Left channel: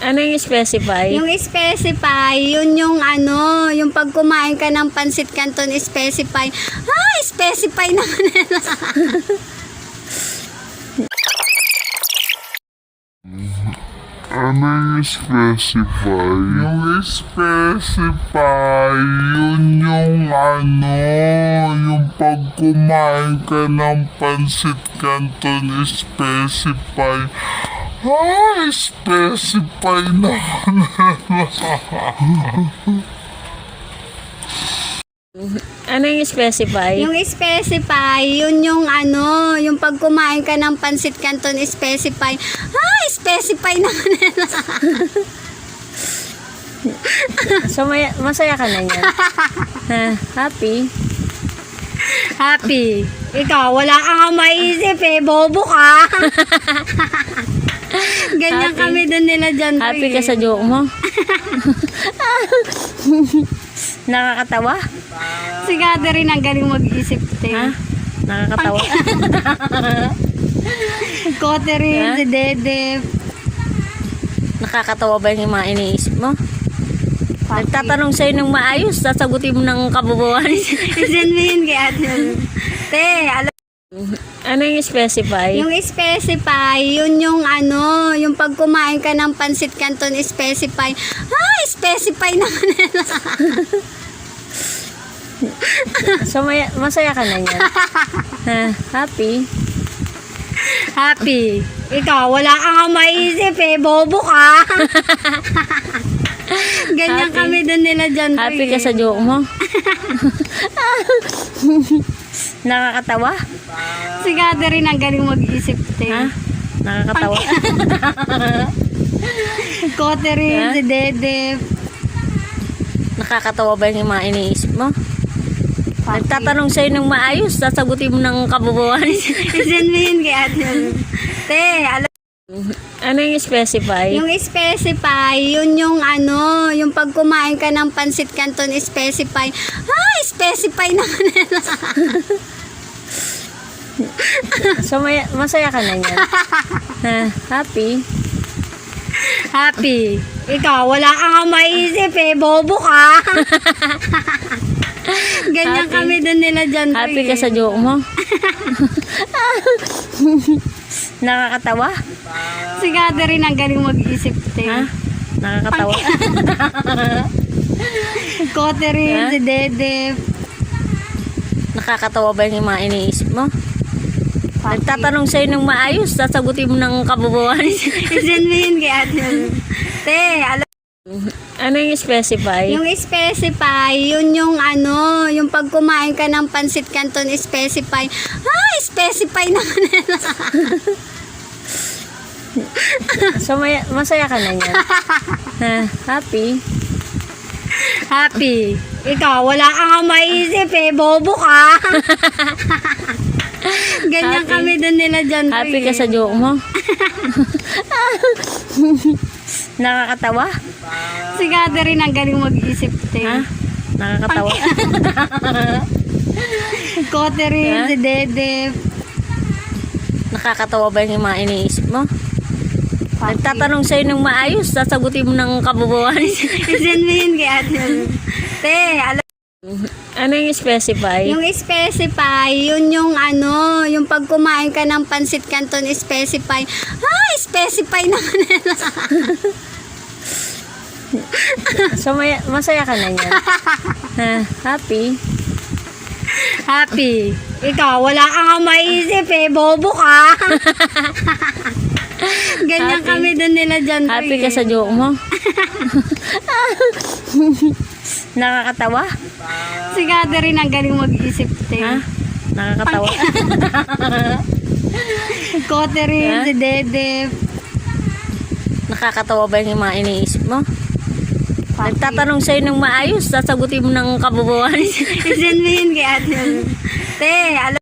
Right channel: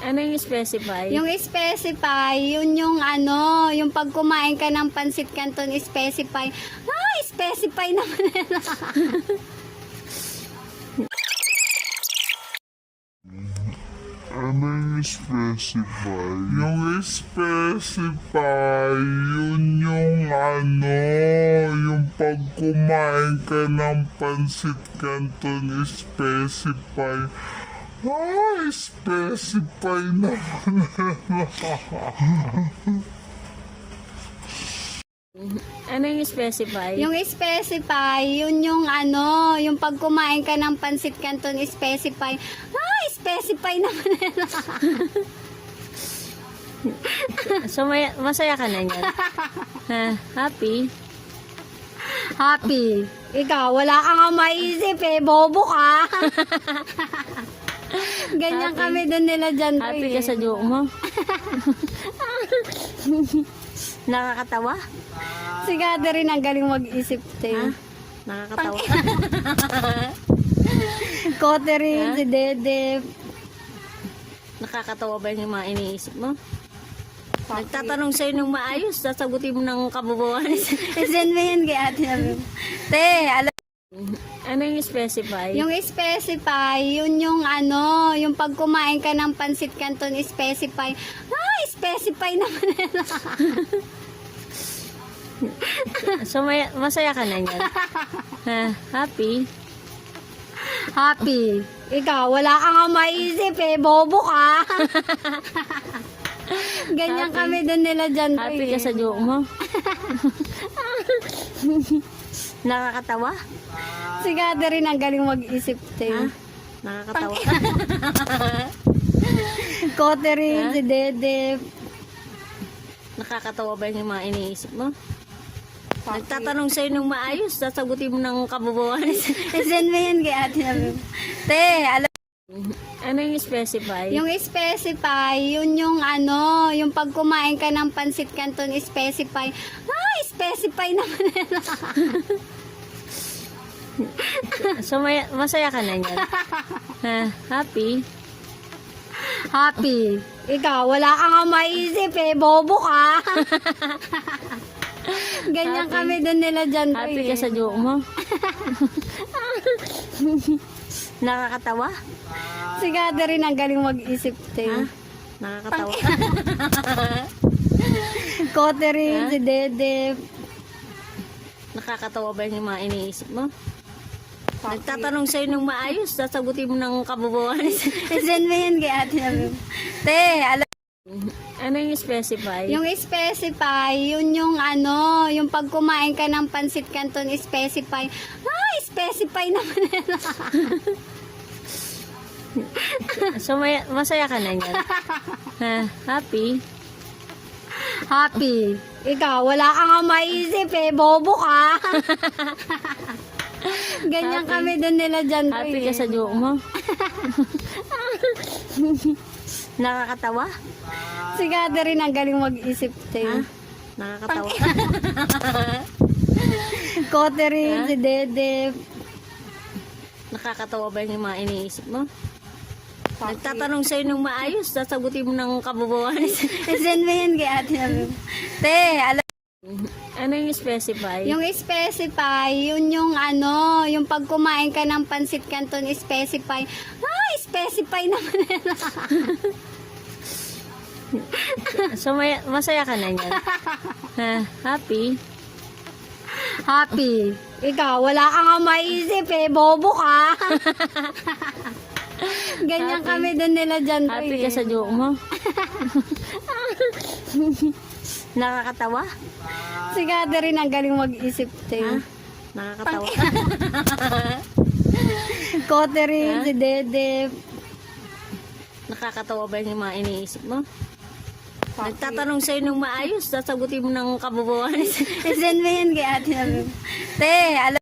Ano yung specify? Yung specify, yun yung yung pag kumain ka ng pansit canton specify. Specify naman nila. Ano yung specify? Yung specify, yun yung yung pag kumain ka ng pansit canton specify. Specify naman. Ano yung specify? Yung specify, yun yung yung pag kumain ka ng pansit canton specify. Specify naman nila. So, masaya ka na niyan? Ha? Happy? Happy. Ikaw, wala ka nga maisip bobo ka. Ganyan Happy. kami doon nila dyan. Happy ka sa joke mo? Nakakatawa? Si Catherine ang galing mag-isip. Ha? Nakakatawa? Catherine, Ha? si Dede. Nakakatawa ba yung mga iniisip mo? Nagtatanong sa'yo ng maayos, sasagutin mo ng kabubuan. Send mo yun kay Ate. Te, alam. Ano yung specify? Yung specify, yun yung yung pag kumain ka ng pansit canton specify. Specify naman nila. So, masaya ka na niyan? Ha? Happy? Happy. Ikaw, wala ka nga maisip bobo ka. Ganyan Happy. kami doon nila dyan. Happy ka sa joke mo? Nakakatawa? Si Catherine ang galing mag-isip. Ha? Nakakatawa? Catherine, Ha? si Dede. Nakakatawa ba yung mga iniisip mo? Nagtatanong sa'yo ng maayos, sasagutin mo ng kabubuan. Send mo yun kay Ate. Te, alam. Ano yung specify? Yung specify, yun yung yung pag kumain ka ng pansit canton specify. Specify naman nila. So, masaya ka na niyan? Ha? Happy? Happy. Ikaw, wala ka nga maisip bobo ka. Ganyan Happy. kami doon nila dyan. Happy ka sa joke mo? Nakakatawa? Si Catherine ang galing mag-isip. Ha? Nakakatawa? Catherine, Ha? si Dede. Nakakatawa ba yung mga iniisip mo? Nagtatanong sa'yo ng maayos, sasagutin mo ng kabubuan. Send mo yun kay Ate. Te, alam. Ano yung specify? Yung specify, yun yung yung pag kumain ka ng pansit canton specify. Specify naman nila. So, masaya ka na niyan? Ha? Happy? Happy. Ikaw, wala ka nga maisip bobo ka. Ganyan Happy. kami doon nila dyan. Happy ka sa joke mo? Nakakatawa? Si Catherine ang galing mag-isip. Ha? Nakakatawa? Catherine, Ha? si Dede. Nakakatawa ba yung mga iniisip mo? Nagtatanong sa'yo ng maayos, sasagutin mo ng kabubuan. Send mo yun kay Ate. Te, alam. Ano yung specify? Yung specify, yun yung yung pag kumain ka ng pansit canton specify. Specify naman nila. So, masaya ka na niyan? Ha? Happy? Happy. Ikaw, wala ka nga maisip bobo ka. Ganyan Happy. kami doon nila dyan. Happy ka sa joke mo? Nakakatawa? Si Catherine ang galing mag-isip. Ha? Nakakatawa? Catherine, Ha? si Dede. Nakakatawa ba yung mga iniisip mo? Nagtatanong sa'yo ng maayos, sasagutin mo ng kabubuan. Send mo yun kay Ate. Te, alam.